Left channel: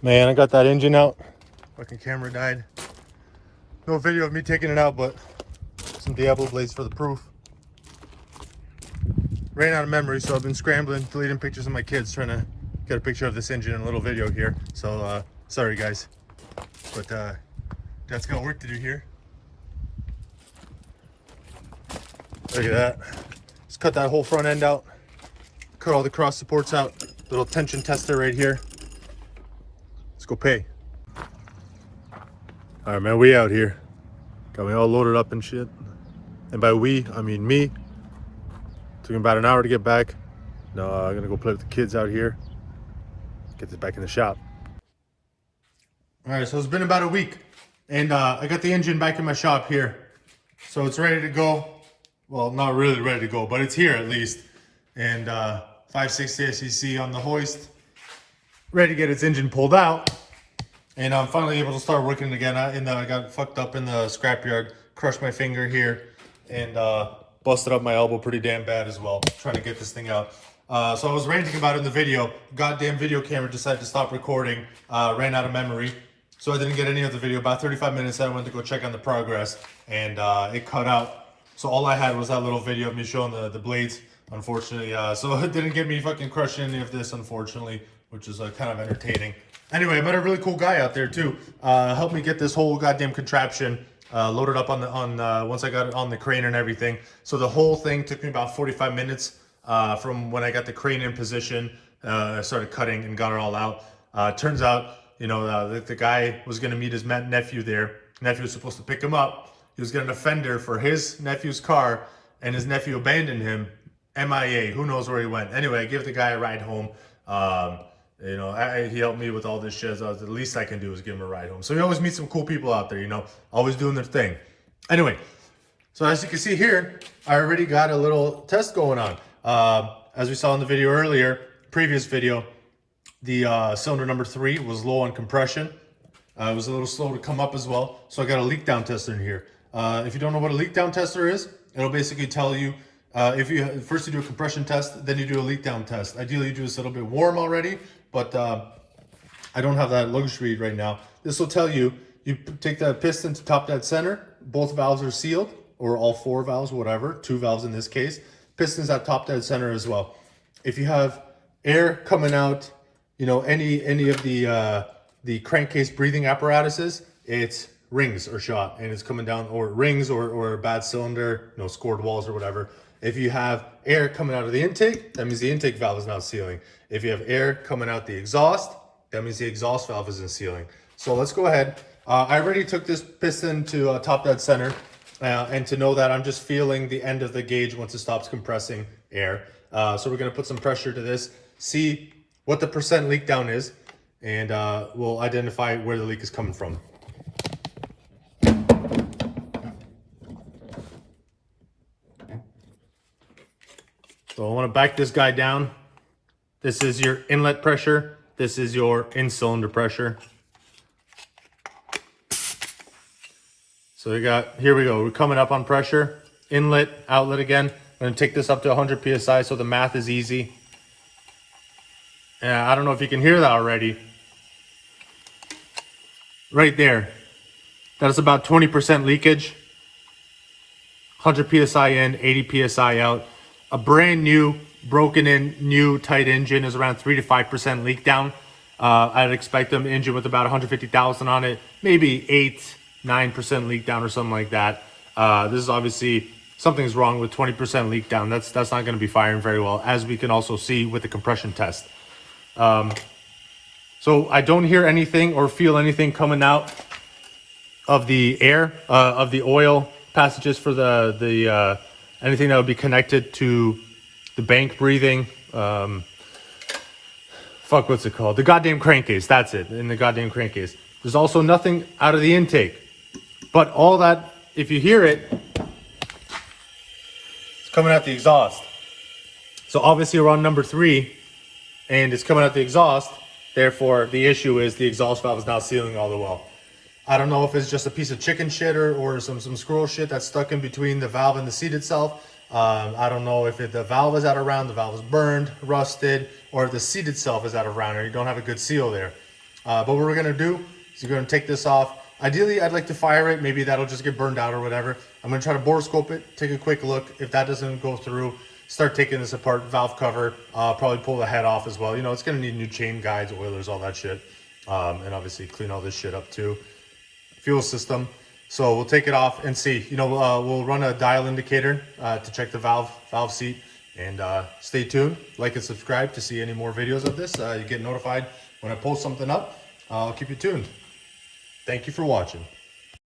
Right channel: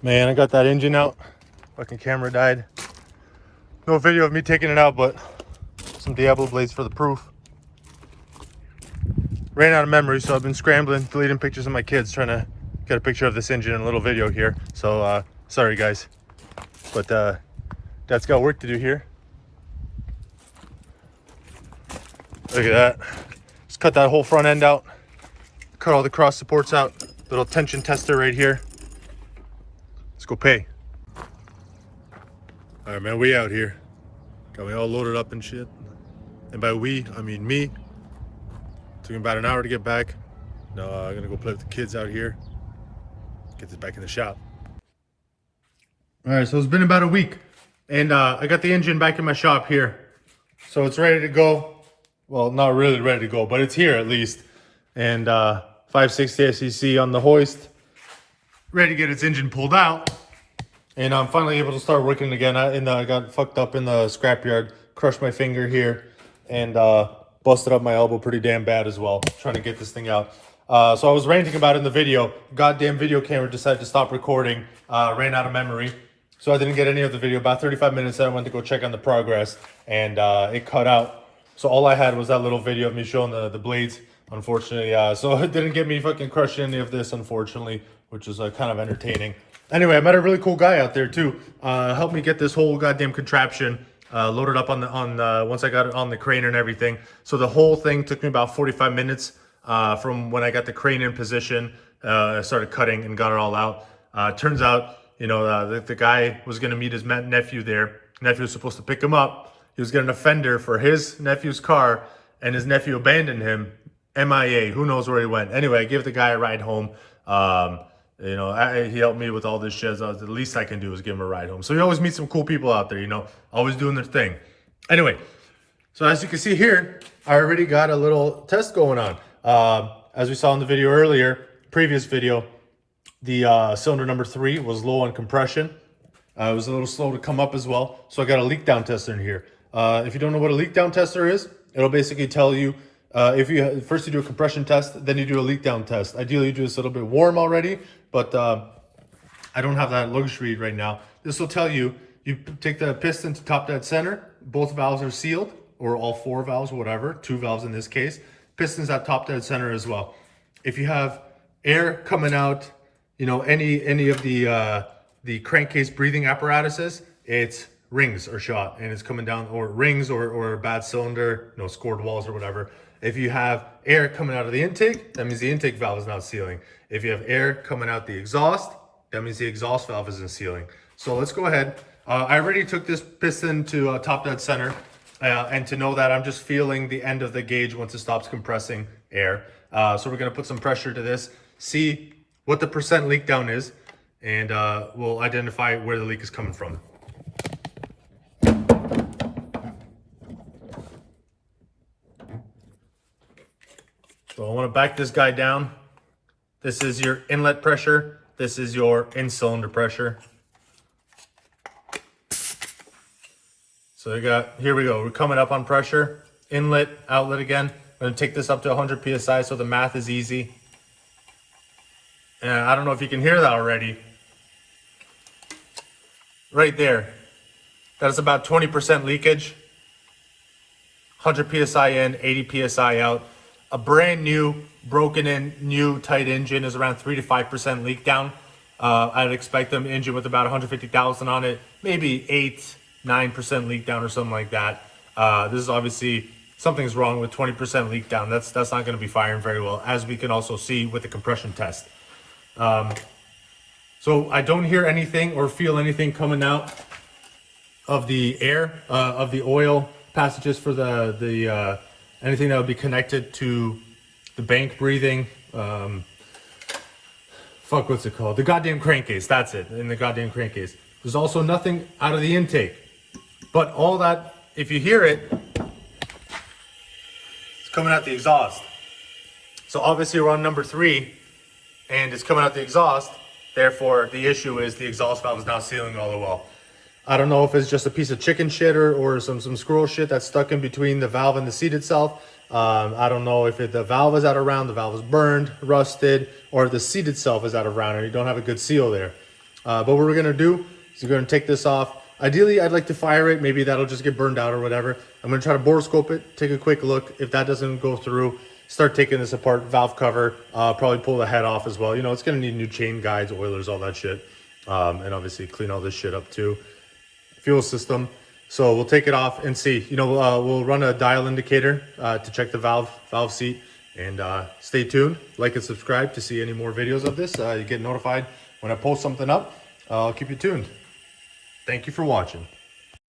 Man, I got that engine out. Fucking camera died. No video of me taking it out, but some Diablo blades for the proof. Ran out of memory, so I've been scrambling, deleting pictures of my kids, trying to get a picture of this engine and a little video here. So sorry guys, but Dad's got work to do here. Look at that. Just cut that whole front end out, cut all the cross supports out. Little tension tester right here. Let's go pay. All right, man, we out here. Got me all loaded up and shit. And by we, I mean me. Took me about an hour to get back. No, I'm gonna go play with the kids out here. Get this back in the shop. All right, so it's been about a week, and I got the engine back in my shop here. So it's ready to go. Well, not really ready to go, but it's here at least. And 560 SEC on the hoist, ready to get its engine pulled out. And I'm finally able to start working again. I got fucked up in the scrapyard, crushed my finger here, and busted up my elbow pretty damn bad as well, trying to get this thing out. So I was ranting about it in the video. Goddamn video camera decided to stop recording, ran out of memory. So I didn't get any of the video. About 35 minutes, I went to go check on the progress, and it cut out. So all I had was that little video of me showing the blades, unfortunately. So it didn't get me fucking crushing any of this, unfortunately, which is kind of entertaining. Anyway, I met a really cool guy out there too. Helped me get this whole goddamn contraption loaded up once I got it on the crane and everything. So the whole thing took me about 45 minutes from when I got the crane in position. I started cutting and got it all out. Turns out, the guy was going to meet his nephew there. Nephew was supposed to pick him up. He was getting a fender for his nephew's car, and his nephew abandoned him. MIA. Who knows where he went? Anyway, I give the guy a ride home. He helped me with all this shit. The least I can do is give him a ride home. So you always meet some cool people out there, always doing their thing. Anyway, so as you can see here, I already got a little test going on. As we saw in the video earlier, previous video, the cylinder number 3 was low on compression. It was a little slow to come up as well. So I got a leak down tester in here. If you don't know what a leak down tester is, it'll basically tell you if you first you do a compression test, then you do a leak down test. Ideally, you do this a little bit warm already, but I don't have that luxury right now. This will tell you, you take the piston to top dead center, both valves are sealed, or all 4 valves, whatever, 2 valves in this case. Pistons at top dead center as well. If you have air coming out, any of the crankcase breathing apparatuses, it's rings or shot, and it's coming down, or rings or a bad cylinder, scored walls or whatever. If you have air coming out of the intake, that means the intake valve is not sealing. If you have air coming out the exhaust, that means the exhaust valve isn't sealing. So let's go ahead. I already took this piston to top dead center, and to know that I'm just feeling the end of the gauge once it stops compressing air. So we're gonna put some pressure to this, see what the percent leak down is, and we'll identify where the leak is coming from. So I want to back this guy down. This is your inlet pressure. This is your in-cylinder pressure. So here we go. We're coming up on pressure. Inlet, outlet again. I'm going to take this up to 100 PSI so the math is easy. I don't know if you can hear that already. Right there. That's about 20% leakage. 100 PSI in, 80 PSI out. A brand new, broken in, new tight engine is around 3 to 5% leak down. I'd expect an engine with about 150,000 on it, maybe 8-9% leak down or something like that. This is obviously, something's wrong with 20% leak down. That's not going to be firing very well, as we can also see with the compression test. So I don't hear anything or feel anything coming out of the air, of the oil passages for the anything that would be connected to the bank breathing, what's it called? The goddamn crankcase, that's it, in the goddamn crankcase. There's also nothing out of the intake. But all that, if you hear it, it's coming out the exhaust. So obviously we're on number 3, and it's coming out the exhaust, therefore the issue is the exhaust valve is not sealing all the well. I don't know if it's just a piece of chicken shit or some squirrel shit that's stuck in between the valve and the seat itself. I don't know if the valve is out of round, the valve is burned, rusted, or the seat itself is out of round, or you don't have a good seal there. But what we're gonna do is we're gonna take this off. Ideally, I'd like to fire it. Maybe that'll just get burned out or whatever. I'm gonna try to borescope it, take a quick look. If that doesn't go through, start taking this apart, valve cover, probably pull the head off as well. You know, it's gonna need new chain guides, oilers, all that shit. And obviously clean all this shit up too. Fuel system. So we'll take it off and see. You know, we'll run a dial indicator to check the valve seat. And stay tuned, like and subscribe to see any more videos of this. You get notified when I post something up. I'll keep you tuned. Thank you for watching.